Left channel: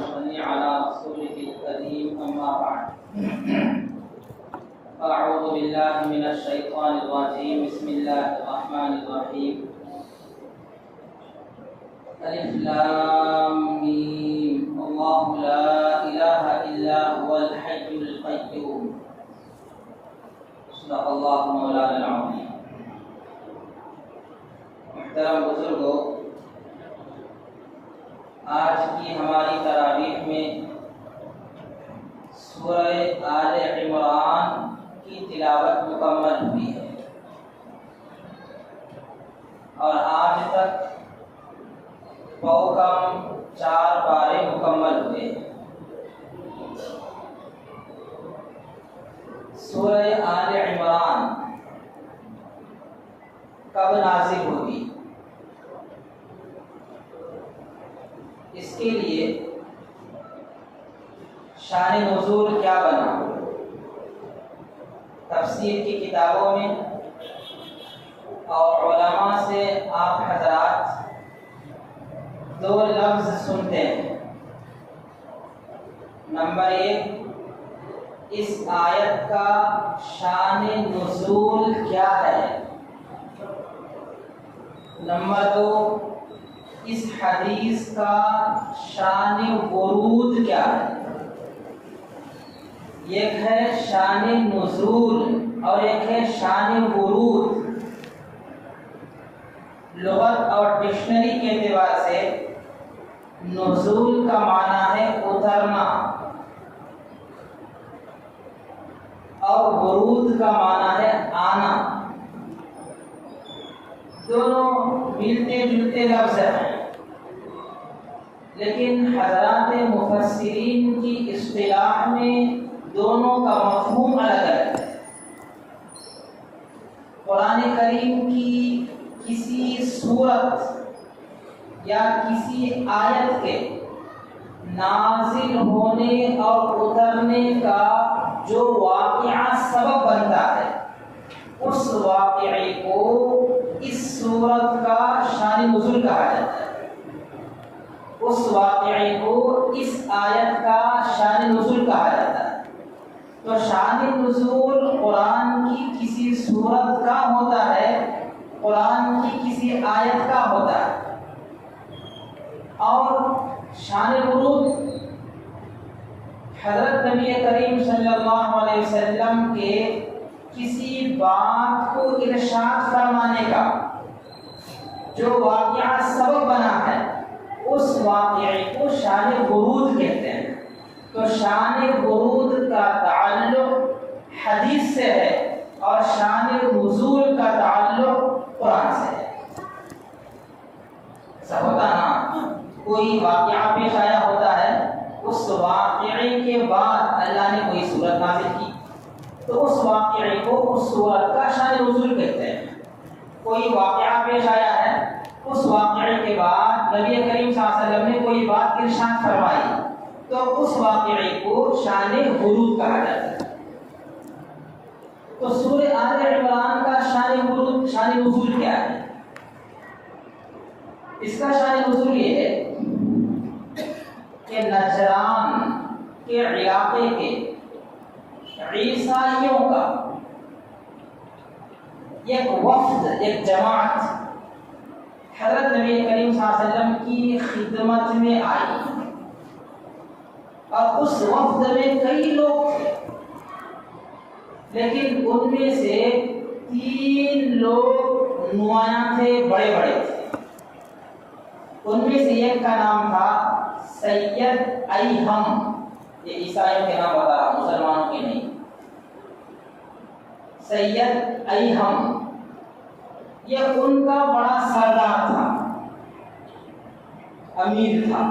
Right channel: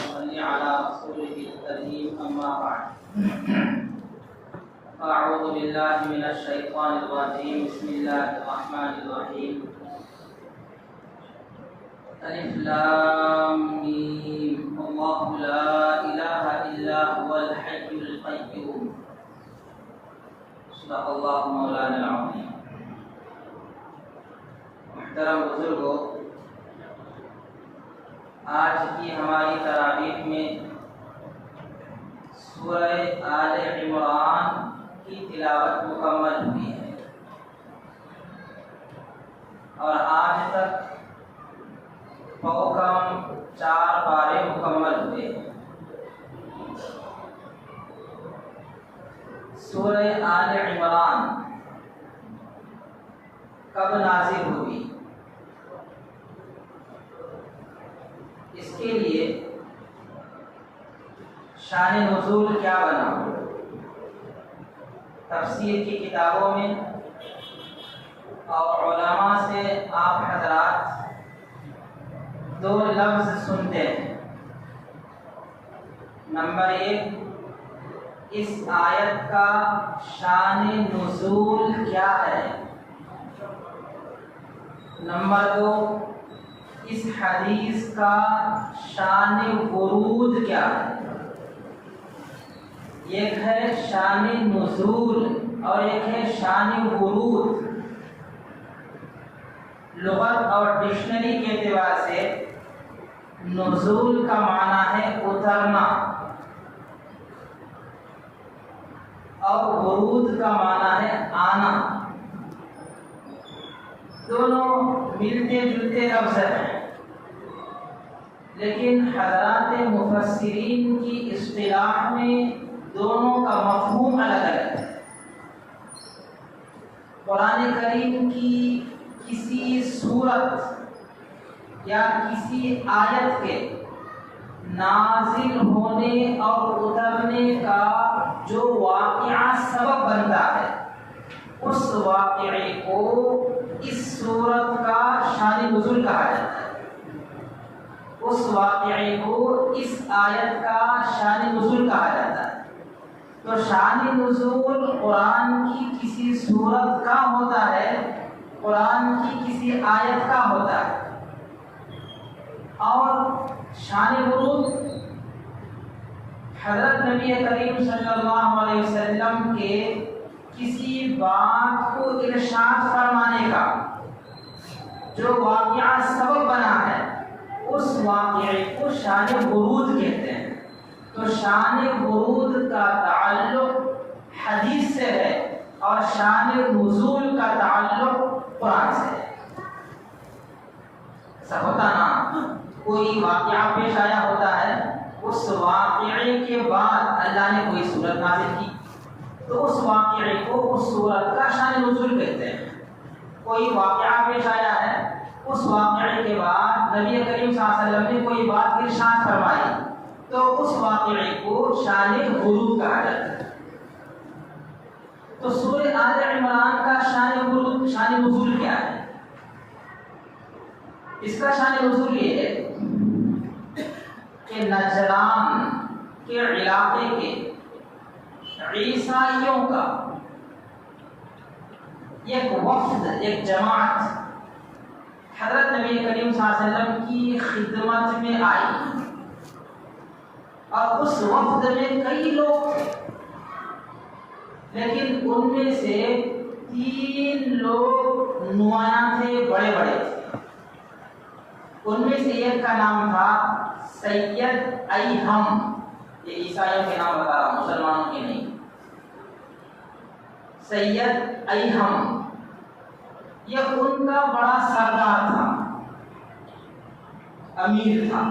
صل على رسوله الكريم أما بعد أعوذ بالله من الشيطان الرجيم بسم الله الرحمن الرحيم ألف لام ميم الله لا إله إلا هو الحي القيوم صدق الله مولانا العظيم. محترم بزرگوں، آج کی ہماری تراویح میں سورہ آل عمران کی تلاوت مکمل ہوئی ہے اور آج تک کم 4 پارے مکمل ہوئے. سورہ آل عمران کب نازل ہوئی؟ اس کے لیے شان نزول کیا بنا؟ تفسیر کی کتابوں میں اور علماء سے آپ حضرات 2 لفظ سنتے ہیں. نمبر 1، اس آیت کا شان نزول کیا ہے؟ نمبر 2، اس حدیث کا شان ورود کیا ہے؟ ایک ہے شان نزول اور ایک ہے شان ورود. لغت اور ڈکشنری کے اعتبار سے نزول کا معنی ہے اترنا اور ورود کا معنی ہے آنا. دونوں ملتے جلتے لفظ ہیں، لیکن حضرات مفسرین کی اصطلاح میں دونوں کا مفہوم الگ الگ ہے. قرآن کریم کی کسی صورت یا کسی آیت کے نازل ہونے اور اترنے کا جو واقعہ سبب بنتا ہے، اس واقعے کو اس صورت کا شان نزول کہا جاتا ہے. اس واقعے کو اس آیت کا شان نزول کہا جاتا ہے. تو شان نزول قرآن کی کسی صورت کا ہوتا ہے، قرآن کی کسی آیت کا ہوتا ہے. اور شان ورود حضرت نبی کریم صلی اللہ علیہ وسلم کے کسی بات کو ارشاد فرمانے کا جو واقعہ سبب بنا ہے، اس واقعے کو شان ورود کہتے ہیں. تو شان ورود کا تعلق حدیث سے ہے اور شان نزول کا تعلق قرآن سے ہے. سب ہوتا نا، کوئی واقعہ پیش آیا ہوتا ہے، اس واقعے کے بعد اللہ نے کوئی صورت نازل کی تو اس واقعے کو اس صورت کا شان نزول کہتے ہیں. کوئی واقعہ پیش آیا ہے، اس واقعے کے بعد نبی کریم صلی اللہ علیہ وسلم نے کوئی بات ارشاد فرمائی تو اس واقعے کو شان ورود کہا جاتا ہے. تو سورہ آل عمران کا شان ورود، شان نزول کیا ہے؟ اس کا شان نزول یہ ہے کہ نجران کے علاقے کے عیسائیوں کا ایک وفد، ایک جماعت حضرت نبی کریم صلی اللہ علیہ وسلم کی خدمت میں آئی اور اس وفد میں کئی لوگ تھے، لیکن ان میں سے 3 لوگ نمایاں تھے، بڑے بڑے تھے. ان میں سے ایک کا نام تھا سید ایہم. یہ عیسائیوں کے نام بتا رہا ہوں، مسلمانوں کے نہیں. سید ایہم یہ ان کا بڑا سردار تھا، امیر تھا.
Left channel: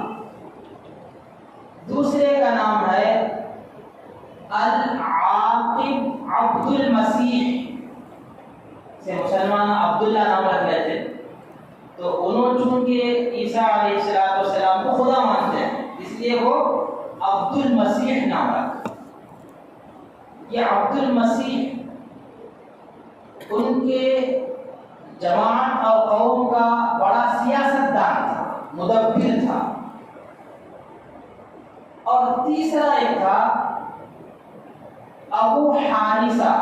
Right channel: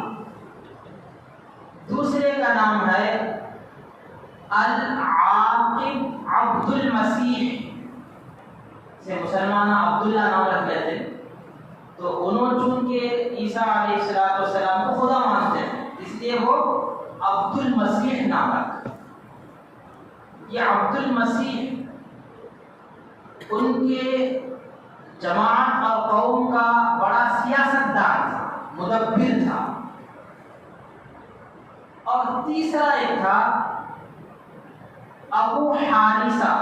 دوسرے کا نام ہے العاقب عبد المسیح، سے مسلمان عبداللہ نام رکھ لیتے. تو انہوں چونکہ عیسیٰ علیہ السلام کو خدا مانتے ہیں، اس لیے وہ عبد المسیح نام رکھا. یہ عبد المسیح ان کے جماعت اور قوم کا بڑا سیاست دان تھا، مدبر تھا. اور تیسرا ایک تھا ابو حارثہ،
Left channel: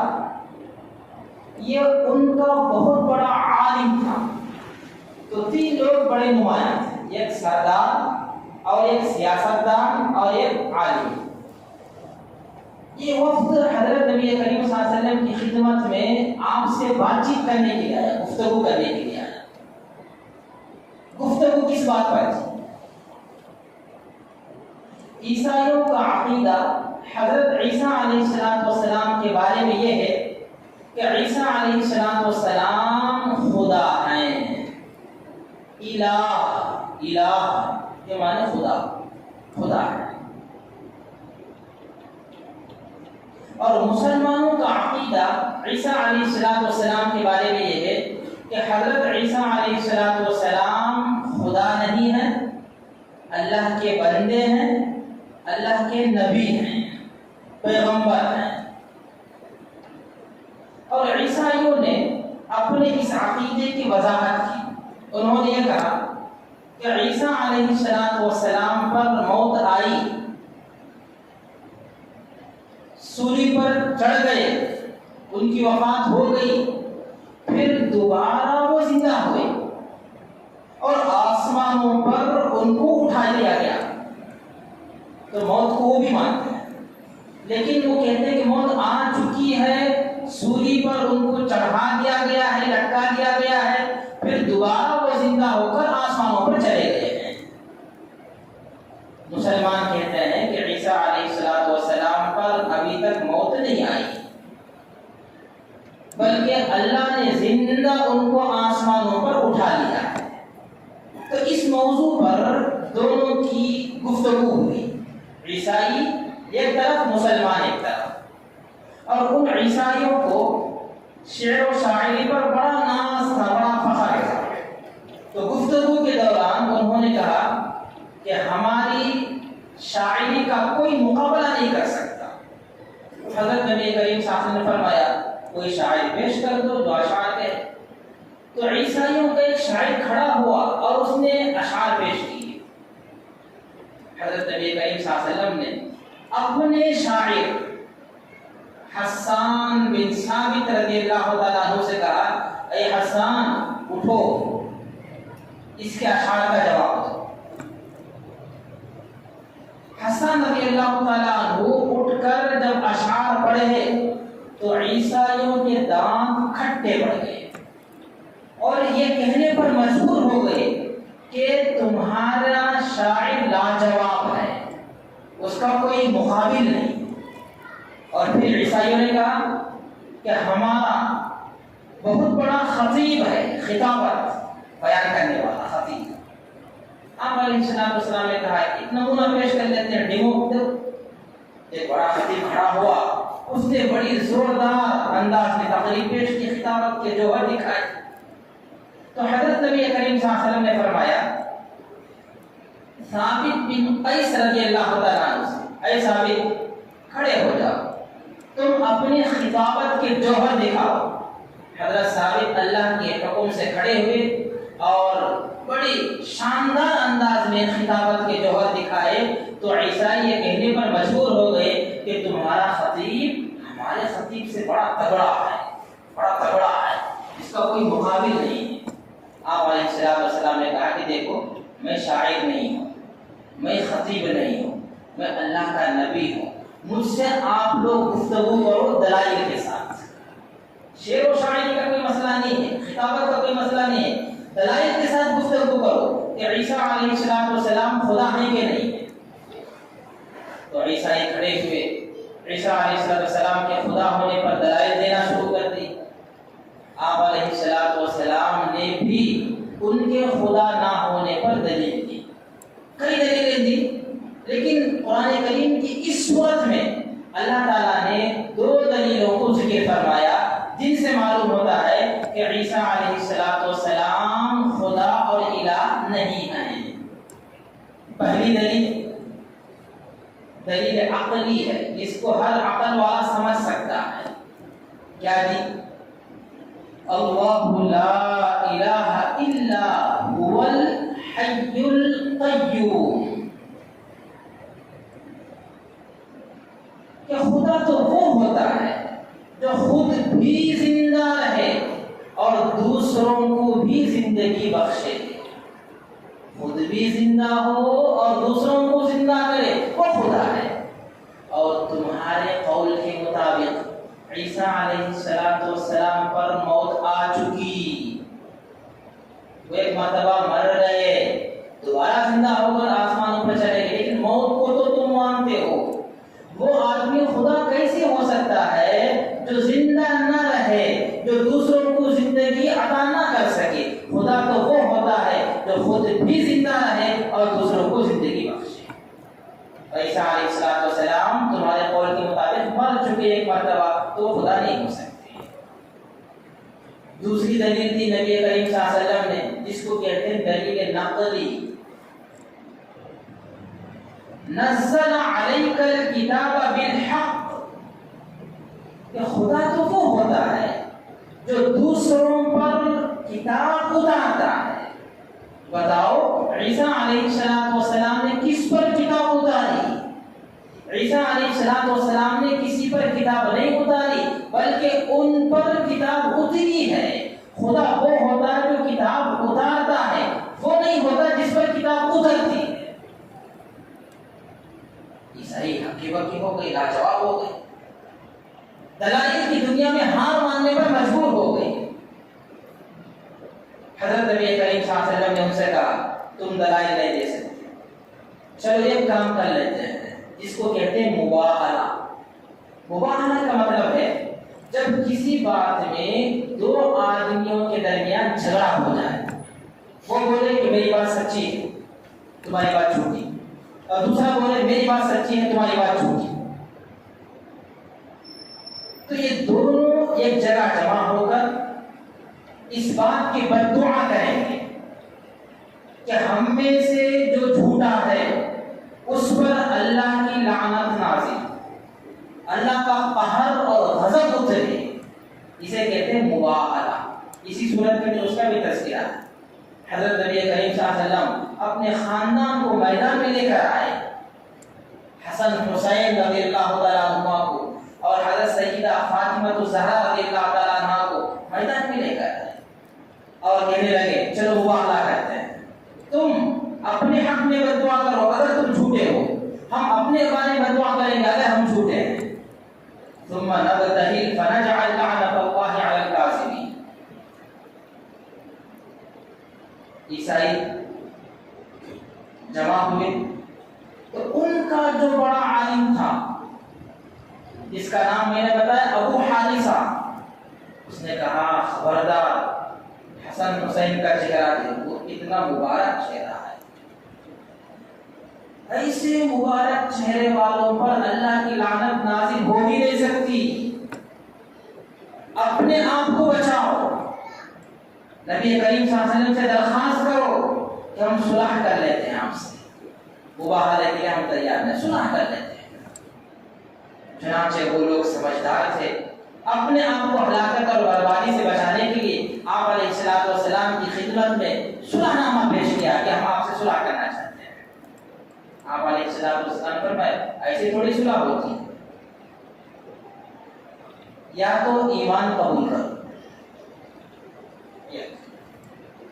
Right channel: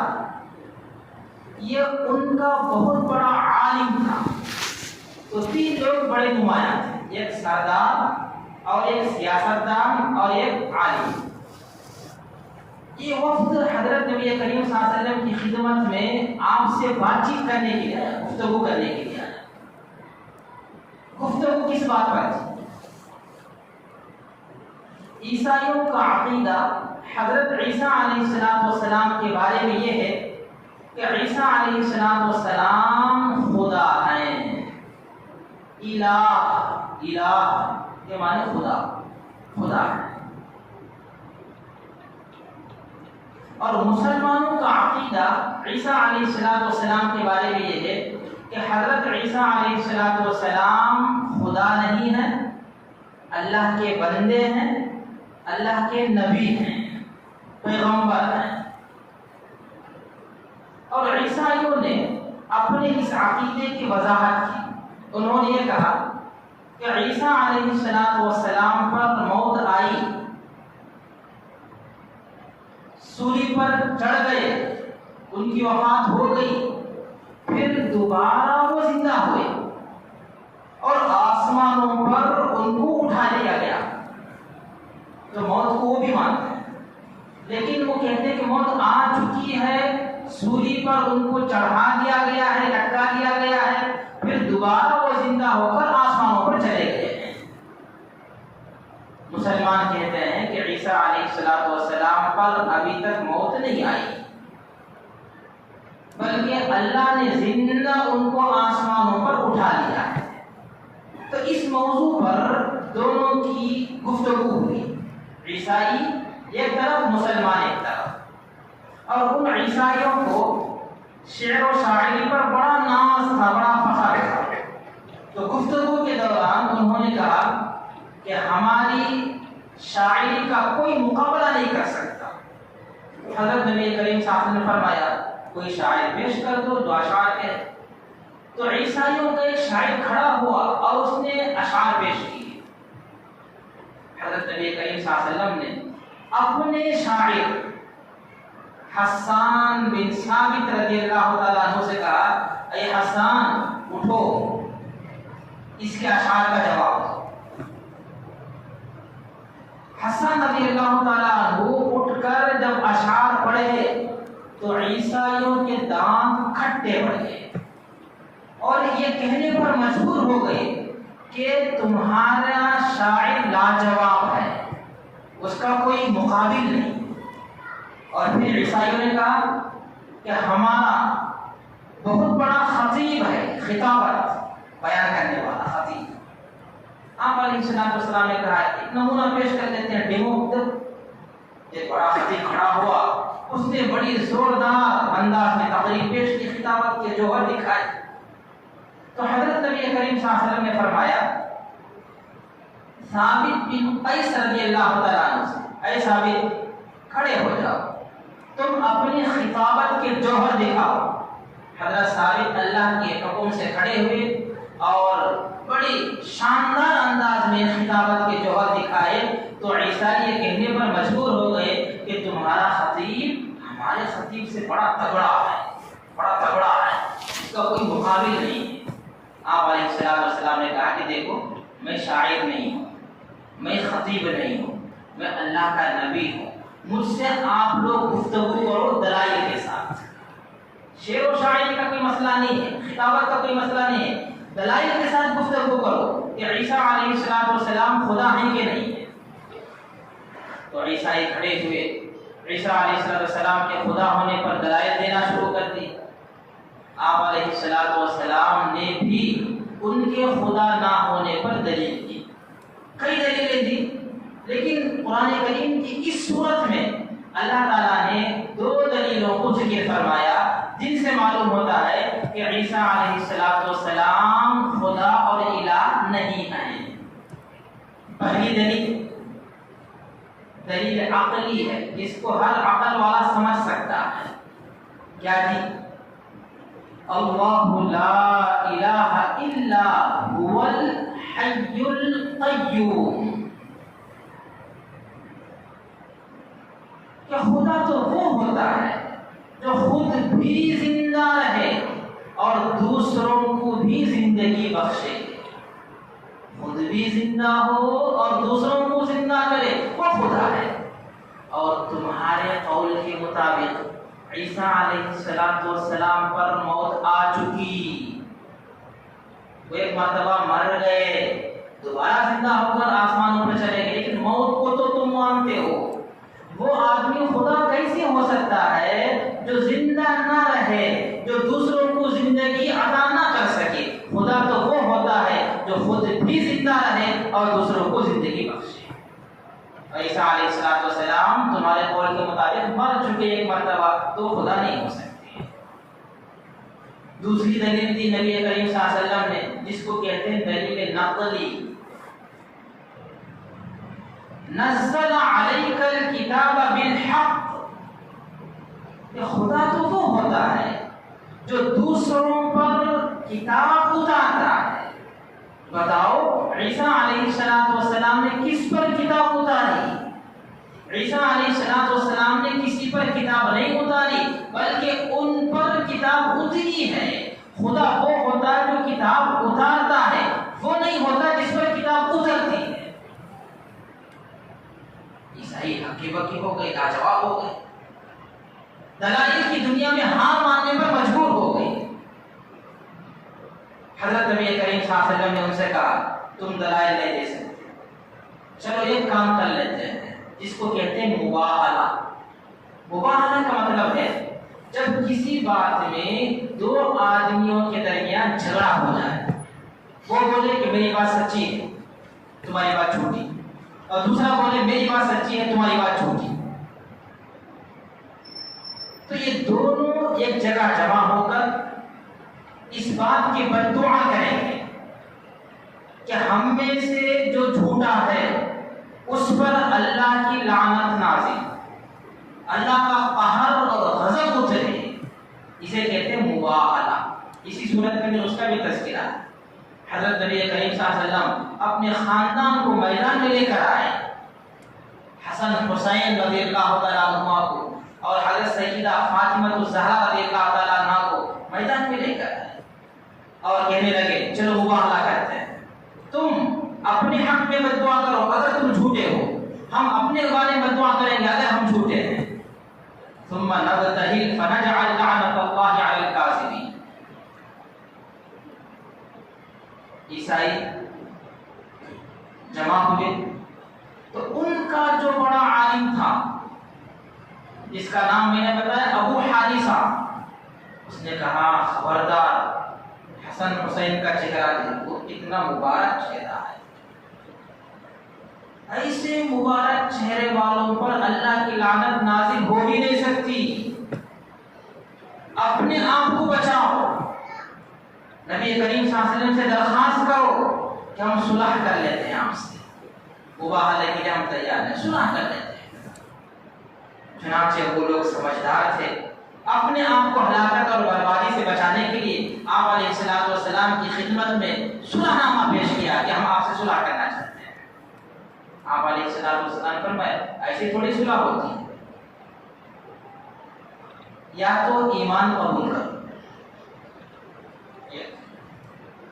یہ ان کا بہت بڑا عالم تھا. تو 3 لوگ بڑے نمایاں تھے، ایک سردار اور ایک سیاستدان اور ایک عالم. یہ وفد حضرت نبی کریم صلی اللہ علیہ وسلم کی خدمت میں آپ سے بات چیت کرنے کے لیے آیا، گفتگو کرنے کے لیے آیا. گفتگو کس بات پر تھی؟ عیسائیوں کا عقیدہ حضرت عیسیٰ علیہ السلام کے بارے میں یہ ہے کہ عیسیٰ علیہ السلام خدا ہیں. الہ یہ معنی خدا ہے. اور مسلمانوں کا عقیدہ عیسیٰ علیہ السلام کے بارے میں یہ ہے کہ حضرت عیسیٰ علیہ السلام خدا نہیں ہیں، اللہ کے بندے ہیں، اللہ کے نبی ہیں، پیغمبر ہیں. اور عیسائیوں نے اپنے اس عقیدے کی وضاحت کی. انہوں نے یہ کہا کہ عیسیٰ علیہ السلام پر موت آئی، سولی پر چڑھ گئے، ان کی وفات ہو گئی، پھر دوبارہ وہ زندہ ہوئے اور آسمانوں پر ان کو اٹھا لیا گیا. تو موت کو وہ بھی مانتے ہیں، لیکن وہ کہتے ہیں کہ موت آ چکی ہے، سولی پر ان کو چڑھا دیا گیا ہے، لٹکا دیا گیا ہے، پھر دوبارہ وہ زندہ ہو کر آسمانوں پر چلے گئے ہیں. مسلمان کہتے ہیں کہ عیسیٰ علیہ السلام پر ابھی تک موت نہیں آئی، بلکہ اللہ نے زندہ ان کو آسمانوں پر اٹھا لیا ہے. تو اس موضوع پر دونوں کی گفتگو ہوئی، عیسائی ایک طرف، مسلمان ایک طرف. اور ان عیسائیوں کو شعر و شاعری پر بڑا ناز تھا، بڑا فخر تھا. تو گفتگو کے دوران انہوں نے کہا کہ ہماری شاعری کا کوئی مقابلہ نہیں کر سکتا. حضرت نبی کریم صلی اللہ علیہ وسلم نے فرمایا کوئی شاعر پیش کر دو جو اشعار کہے. تو عیسائیوں کا ایک شاعر کھڑا ہوا اور اس نے اشعار پیش کیے. حضرت نبی کریم صلی اللہ علیہ وسلم نے اپنے شاعر حسان بن ثابت رضی اللہ تعالیٰ عنہ سے کہا اے حسان اٹھو، اس کے اشعار کا جواب دو. حسان رضی اللہ تعالیٰ عنہ اٹھ کر جب اشعار پڑھے تو عیسائیوں کے دانت کھٹے پڑ گئے اور یہ کہنے پر مجبور ہو گئے کہ تمہارا شاعر لاجواب ہے، اس کا کوئی مقابل نہیں. اور پھر عیسائیوں نے کہا کہ ہمارا بہت بڑا خطیب ہے، خطابت بیان کرنے والا خطیب. آپ علیہ السلام نے کہا ایک نمونہ پیش کر لیتے ہیں، ڈیمو. ایک بڑا خطیب کھڑا ہوا، اس نے بڑی زوردار انداز میں تقریر پیش کی، خطابت کے جوہر دکھائے. تو حضرت نبی کریم صلی اللہ علیہ وسلم نے فرمایا ثابت بن قیس رضی اللہ تعالیٰ عنہ سے، اے ثابت کھڑے ہو جاؤ، تم اپنی خطابت کے جوہر دکھاؤ. حضرت ثابت اللہ کے حکم سے کھڑے ہوئے اور بڑی شاندار انداز میں خطابت کے جوہر دکھائے. تو عیسائی یہ کہنے پر مجبور ہو گئے کہ تمہارا خطیب ہمارے خطیب سے بڑا تگڑا ہے، بڑا تگڑا ہے، اس کا کوئی مقابل نہیں ہے. آپ علیہ السلام نے کہا کہ دیکھو میں شاعر نہیں ہوں، میں خطیب نہیں ہوں، میں اللہ کا نبی ہوں. مجھ سے آپ لوگ گفتگو کرو دلائل کے ساتھ. شعر و شاعری کا کوئی مسئلہ نہیں ہے، خطابت کا کوئی مسئلہ نہیں ہے، دلائل کے ساتھ گفتگو کرو کہ عیسیٰ علیہ السلام خدا ہیں کہ نہیں ہے. تو عیسائی کھڑے ہوئے، عیسیٰ علیہ السلام کے خدا ہونے پر دلائل دینا شروع کر دی. آپ علیہ السلام نے بھی ان کے خدا نہ ہونے پر دلیل دی، کئی دلیلیں دی. لیکن قرآن کریم کی اس صورت میں اللہ تعالیٰ نے 2 دلیلوں کو ذکر فرمایا جن سے معلوم ہوتا ہے کہ عیسیٰ علیہ السلام خدا اور الہ نہیں ہیں. پہلی دلیل عقلی ہے، جس کو ہر عقل والا سمجھ سکتا ہے. کیا دی؟ اللہ لا الہ الا هو الحی القیوم. خدا تو وہ ہوتا ہے جو خود بھی زندہ رہے اور دوسروں کو بھی زندگی بخشے. خود بھی زندہ ہو اور دوسروں کو زندہ کرے، وہ خدا ہے. اور تمہارے قول کے مطابق عیسیٰ علیہ السلام پر موت آ چکی، وہ ایک مرتبہ مر گئے، دوبارہ زندہ ہو کر آسمانوں پر چلے گئے، لیکن موت کو تو تم مانتے ہو. وہ آدمی خدا کیسے ہو سکتا ہے جو زندہ نہ رہے، جو دوسروں کو زندگی عطا نہ کر سکے؟ خدا تو وہ ہوتا ہے جو خود بھی زندہ رہے اور دوسروں کو زندگی بخشے. عیسیٰ علیہ السلام تمہارے قول کے مطابق مر چکے ایک مرتبہ، تو خدا نہیں ہو سکتے. دوسری دلیل تھی نبی کریم صلی اللہ علیہ وسلم نے، جس کو کہتے ہیں دلیل نقلی. نزل علیک الکتاب بالحق، کہ خدا تو وہ ہوتا ہے جو دوسروں پر کتاب اتارتا ہے. بتاؤ عیسیٰ علیہ السلام نے کس پر کتاب اتاری؟ عیسیٰ علیہ السلام نے کسی پر کتاب نہیں اتاری، بلکہ ان پر کتاب اتری ہے. خدا وہ ہوتا ہے جو کتاب اتارتا ہے، وہ نہیں ہوتا جس پر کتاب اترتی ہے. عیسائی ہکی بکی ہو گئے، لاجواب ہو گئے، دلائل کی دنیا میں ہار ماننے پر مجبور ہو گئے. حضرت نبی کریم صلی اللہ علیہ وسلم نے ان سے کہا تم دلائل نہیں دے سکتے، چلو ایک کام کر لیتے ہیں جس کو کہتے ہیں مباہلہ. مباہلہ کا مطلب ہے جب کسی بات میں دو آدمیوں کے درمیان جھگڑا ہو جائے، وہ بولے کہ میری بات سچی ہے، تمہاری بات جھوٹی، اور دوسرا بولے میری بات سچی ہے، تمہاری بات جھوٹی. تو یہ دونوں ایک جگہ جمع ہو کر اس بات کی بددعا کریں گے کہ ہم میں سے جو جھوٹا ہے اس پر اللہ کی لعنت نازل، اللہ کا قہر اور غضب اترے. اسے کہتے ہیں مباہلہ. اسی صورت میں اس کا بھی تذکرہ ہے. حضرت نبی کریم صلی اللہ علیہ وسلم اپنے خاندان کو میدان میں لے کر آئے، حسن حسین رضی اللہ تعالیٰ عنہ کو اور حضرت سیدہ فاطمہ الزہرا رضی اللہ تعالیٰ عنہ کو میدان میں لے کر آئے اور کہنے لگے چلو مباہلہ کرتے ہیں، تم اپنے حق میں بددعا کرو اگر تم جھوٹے ہو، ہم اپنے بارے میں بددعا کریں گے اگر ہم جھوٹے ہیں. ثم نبتہل فنجعل لعنت اللہ علی الکاذبین. عیسائی جمع ہوئے تو ان کا جو بڑا عالم تھا جس کا نام میں نے بتایا ابو حارثہ، اس نے کہا خبردار حسن حسین کا چہرہ دیکھو، اتنا مبارک چہرہ ہے، ایسے مبارک چہرے والوں پر اللہ کی لعنت نازل ہو ہی نہیں سکتی. اپنے آپ کو بچاؤ، نبی کریم صلی اللہ علیہ وسلم سے درخواست کرو کہ ہم صلح کر لیتے ہیں، آپ سے مباہلہ کے لیے ہم تیار ہیں، صلح کر لیتے ہیں. چنانچہ وہ لوگ سمجھدار تھے، اپنے آپ کو ہلاکت اور بربادی سے بچانے کے لیے آپ علیہ السلام کی خدمت میں صلح نامہ پیش کیا کہ ہم آپ سے صلح کرنا چاہتے ہیں. آپ علیہ السلام فرمائے ایسی تھوڑی صلح ہوتی ہے، یا تو ایمان قبول کرو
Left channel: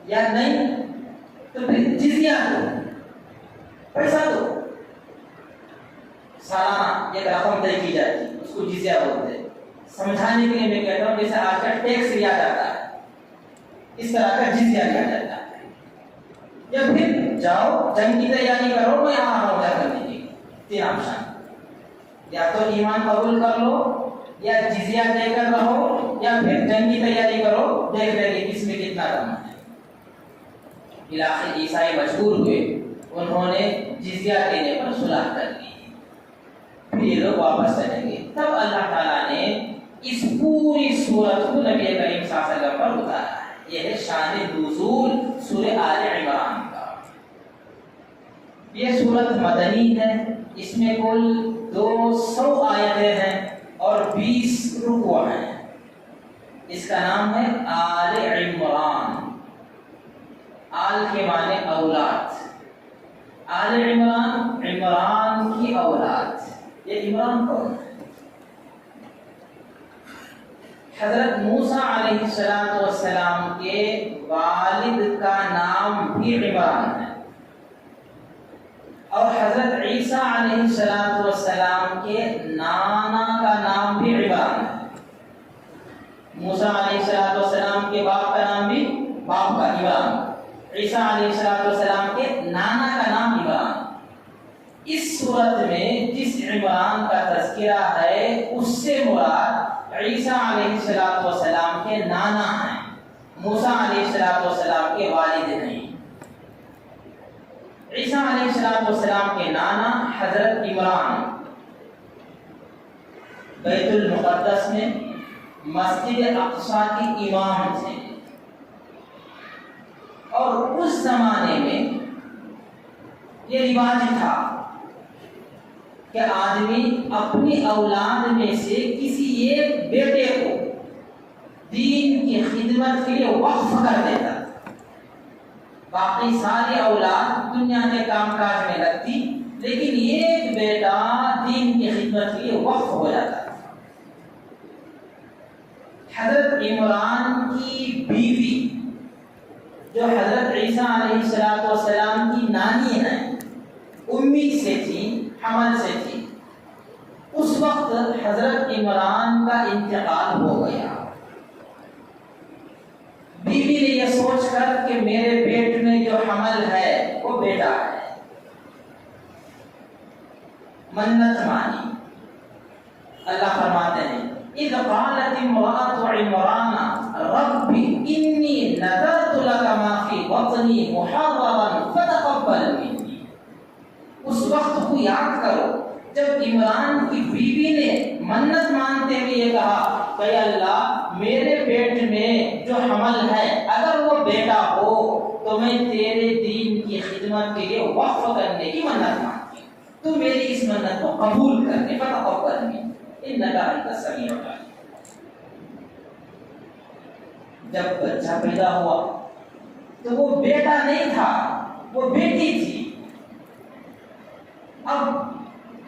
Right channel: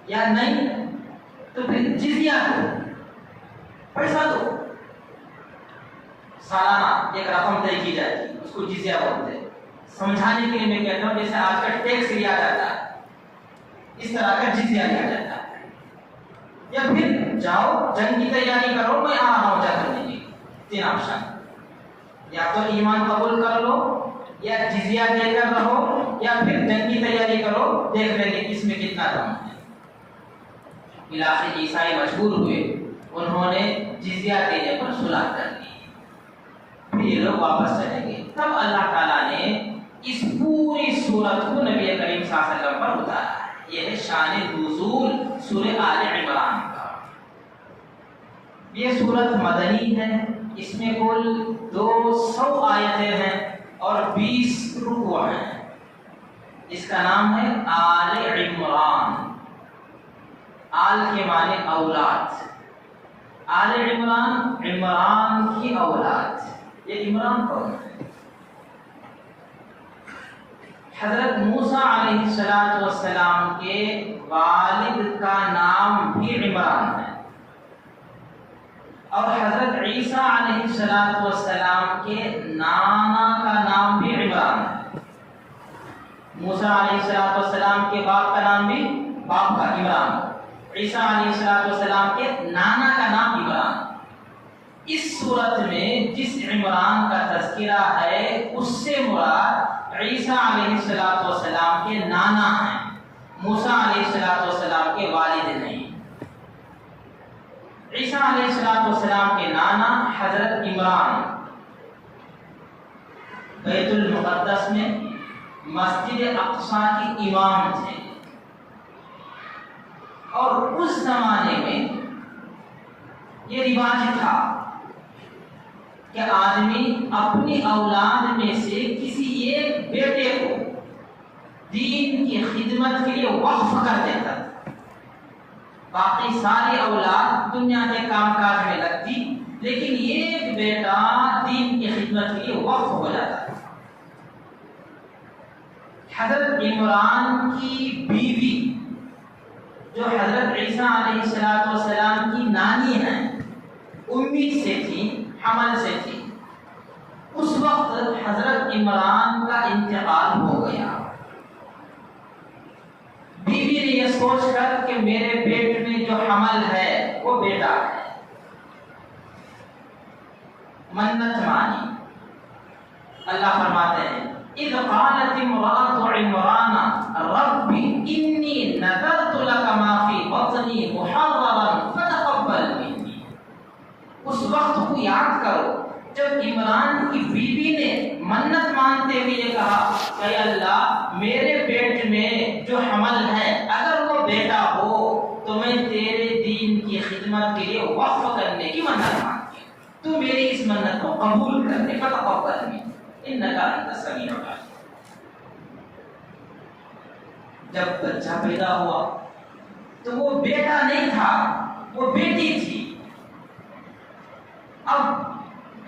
یا نہیں تو پھر جزیہ دو، پیسہ دو. سالانہ ایک رقم طے کی جاتی ہے، اس کو جزیہ بولتے ہیں. سمجھانے کے لیے میں کہتا ہوں جیسے آج کل ٹیکس لیا جاتا ہے، اس طرح کا جزیہ لیا جاتا ہے. یا پھر جاؤ جنگ کی تیاری کرو، میں آ رہا ہوں جا کر دیجیے. تین آپشن، یا تو ایمان قبول کر لو، یا جزیہ دے کر رہو، یا پھر جنگ کی تیاری کرو، دیکھ لیں گے کس میں کتنا دم ہے. بالآخر عیسائی مجبور ہوئے، انہوں نے جزیہ دینے پر صلح کر لی. پھر یہ لوگ واپس چلیں گے. تب اللہ تعالیٰ نے اس پوری سورت کو نبی کریم صلی اللہ علیہ وسلم پر اتارا ہے. یہ ہے شان نزول سورہ آل عمران کا. یہ سورت مدنی ہے، اس میں کل 200 آیتیں ہیں اور 20 رکوع ہیں. اس کا نام ہے آل عمران. آل کے معنی اولاد، آل عمران عمران کی اولاد. یہ عمران کون ہے؟ حضرت موسیٰ علیہ السلام کے والد کا نام بھی عمران ہے، اور حضرت عیسیٰ علیہ السلام کے نانا کا نام بھی عمران ہے۔ موسیٰ علیہ السلام کے باپ کا نام بھی باپ کا عمران، عیسیٰ علیہ السلام کے نانا کا نام عمران۔ اس صورت میں جس عمران کا تذکرہ ہے اس سے مراد عیسیٰ علیہ السلام کے نانا ہیں، موسیٰ علیہ السلام کے والد نہیں۔ عیسیٰ علیہ السلام کے نانا حضرت عمران بیت المقدس میں مسجد اقصیٰ کی امام تھے، اور اس زمانے میں یہ رواج تھا کہ آدمی اپنی اولاد میں سے کسی ایک بیٹے کو دین کی خدمت کے لیے وقف کر دیتا تھا، باقی ساری اولاد دنیا کے کام کاج میں لگتی، لیکن ایک بیٹا دین کی خدمت کے لیے وقف ہو جاتا تھا۔ حضرت عمران کی بیوی جو حضرت عیسیٰ علیہ السلام کی نانی ہیں، امی سے تھی، حمل سے تھی، اس وقت حضرت عمران کا انتقال ہو گیا۔ بیوی نے یہ سوچ کر کہ میرے پیٹ میں جو حمل ہے وہ بیٹا ہے، منت مانی۔ اللہ فرماتے ہیں اذ قالت امرأة عمران رب انی نذرت لك ما في بطنی محررا فتقبل منی۔ اس وقت کو یاد کرو جب عمران کی بیوی نے منت مانتے ہوئے یہ کہا کہ اللہ میرے پیٹ میں جو حمل ہے اگر وہ بیٹا ہو تو میں تیرے دین کی خدمت کے لیے وقف کرنے کی منت مانتی ہوں، تو میری اس منت کو قبول کرنے کا فتقبل منی انک انت السمیع العلیم۔ جب بچہ پیدا ہوا تو وہ بیٹا نہیں تھا، وہ بیٹی تھی۔ اب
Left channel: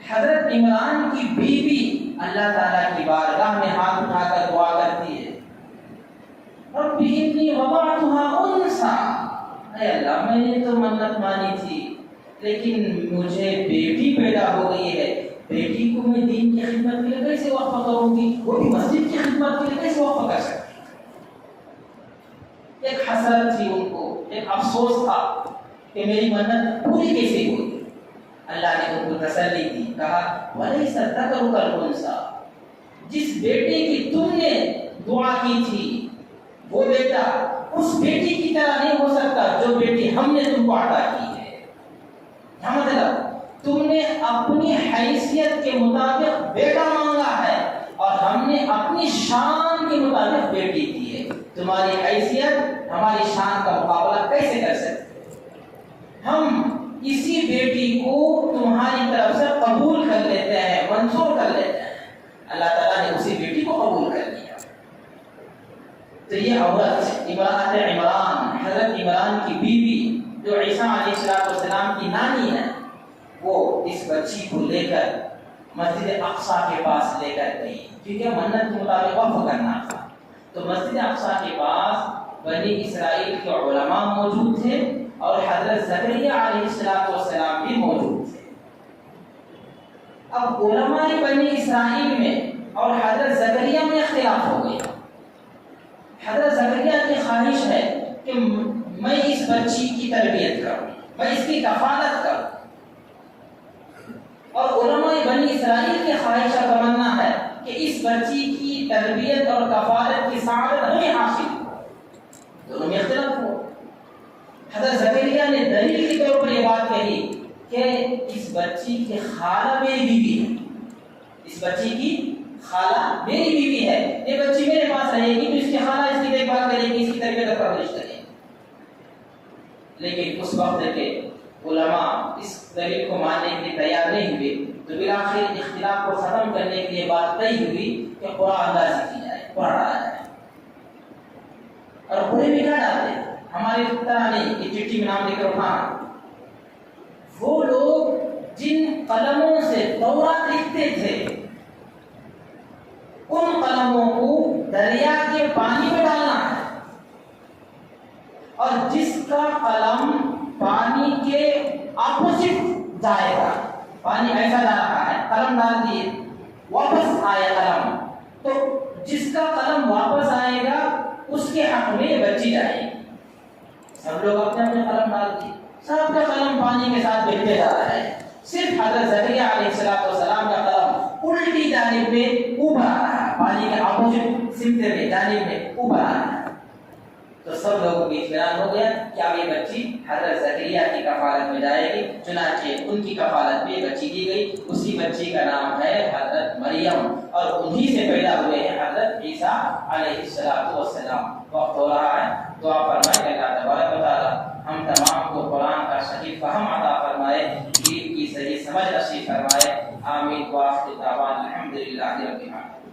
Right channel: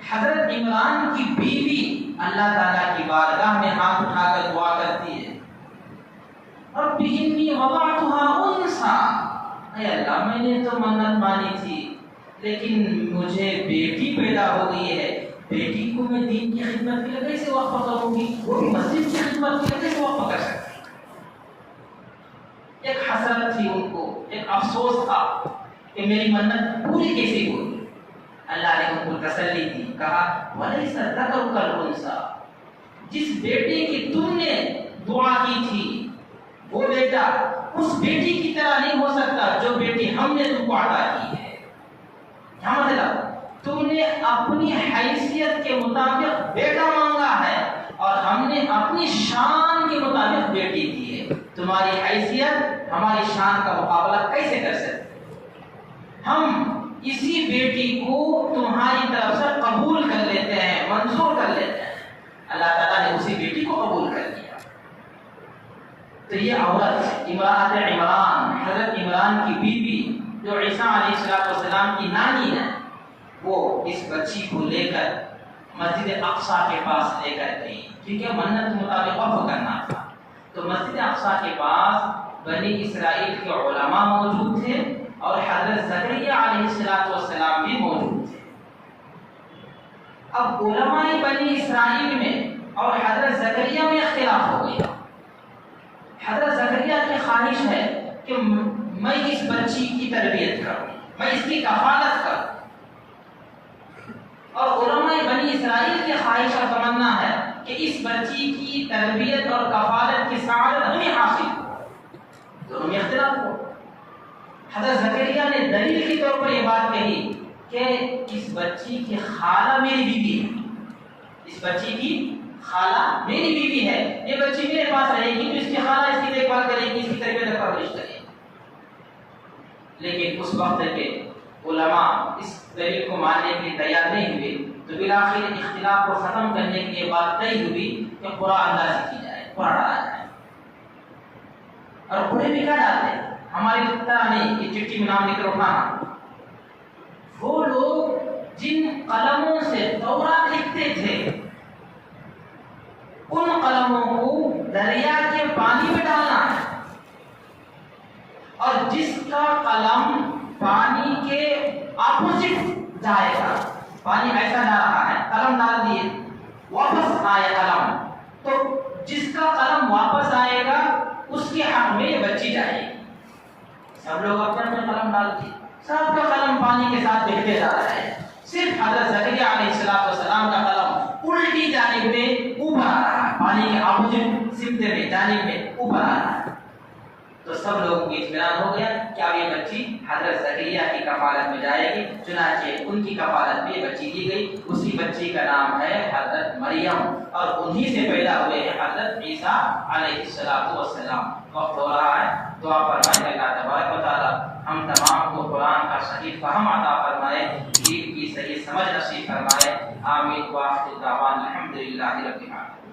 حضرت عمران کی بیوی اللہ تعالیٰ کی بارگاہ میں ہاتھ اٹھا کر دعا کرتی ہے رب انی وضعتها انثى، اے اللہ میں نے تو منت مانی تھی لیکن مجھے بیٹی پیدا ہو گئی ہے، بیٹی کو میں دین کی خدمت کے لیے کیسے وقف کروں گی، وہ بھی مسجد کی خدمت کے لیے کیسے وقف کر سکتی۔ ایک حسرت تھی ان کو، ایک افسوس تھا کہ میری منت پوری کیسے ہوئی۔ اللہ نے ان کو تسلی دی، کہا وَلَيْسَ الذَّكَرُ كَالْأُنثَىٰ، جس بیٹے کی تم نے دعا کی تھی وہ بیٹا اس بیٹی کی طرح نہیں ہو سکتا جو بیٹی ہم نے تم کو عطا کی ہے۔ کیا مطلب؟ تم نے اپنی حیثیت کے مطابق بیٹا مانگا ہے اور ہم نے اپنی شان کے مطابق بیٹی دی ہے، تمہاری حیثیت ہماری شان کا مقابلہ کیسے کر سکتے؟ ہم اسی بیٹی کو تمہاری طرف سے قبول کر لیتے ہیں، منظور کر لیتے ہیں۔ اللہ تعالیٰ نے اسی بیٹی کو قبول کر لیا۔ تو یہ عورت امرأۃ عمران، حضرت عمران کی بیوی جو عیسیٰ علیہ السلام کی نانی ہے، وہ اس بچی کو لے کر مسجد اقصیٰ کے پاس لے کر گئی، کیونکہ منت کے مطابق وقف کرنا تھا۔ تو مسجد اقصیٰ کے پاس بنی اسرائیل کے علماء موجود تھے اور حضرت زکریا علیہ السلام بھی موجود تھے۔ اب علماء بنی اسرائیل میں اور حضرت زکریا میں اختلاف ہو گیا۔ حضرت زکریا کی خواہش ہے کہ میں اس بچی کی تربیت کروں، میں اس کی کفالت کروں، اور علماء بنی اسرائیل کی خواہش اور تمنا ہے کہ اس بچی کی تربیت اور کفالت کی سعادت ہمیں حاصل ہو۔ دونوں میں اختلاف ہوا۔ حضرت زکریا نے دلیل کے طور پر یہ بات کہی کہ اس بچی کی خالہ میری بیوی ہے، اس بچی کی خالہ میری بیوی ہے، یہ بچی میرے پاس رہے گی تو اس کی خالہ اس کی دیکھ بھال کرے گی، اس کی تربیت اور پرورش کرے گی۔ لیکن اس وقت کے علماء اس دلیل کو ماننے کے لیے تیار نہیں ہوئے، تو بالآخر اختلاف کو ختم کرنے کے لیے بات طے ہوئی کہ قرآن اندازی کی جائے، قرآن ڈالا جائے۔ اور قرآن میں کیا ڈالتے ہیں؟ ہماری طرح نہیں یہ چٹھی میں نام لکھ کر اٹھانا۔ وہ لوگ جن قلموں سے تورات لکھتے تھے ان قلموں کو دریا کے پانی میں ڈالنا ہے، اور جس کا قلم پانی کے اپوزٹ جائے گا، پانی ایسا جا رہا ہے، قلم ڈال دیے، واپس آیا قلم، تو جس کا قلم واپس آئے گا اس کے حق میں یہ بچی جائے گی۔ سب لوگ اپنے اپنے قلم ڈال دیے، سب کا قلم پانی کے ساتھ بہتے جا رہا ہے، صرف حضرت زکریا علیہ السلام کا قلم الٹی جانب میں اوپر آ رہا ہے، پانی کے اپوزٹ سمت میں جانب میں اوپر آ رہا ہے۔ تو سب لوگوں کی اطمینان ہو گیا کہ اب یہ بچی حضرت زکریا کی کفالت میں جائے گی، چنانچہ ان کی کفالت میں یہ بچی دی گئی، اسی بچی کا نام ہے حضرت مریم، اور انہی سے پیدا ہوئے ہیں حضرت عیسیٰ علیہ السلام۔ وقت ہو رہا ہے، دعا فرمائے اللہ تبارک و تعالی ہم تمام کو قرآن کا صحیح فہم عطا فرمائے، دین کی صحیح سمجھ نصیب فرمائے، آمین۔ وآخر دعوانا الحمدللہ رب العالمین۔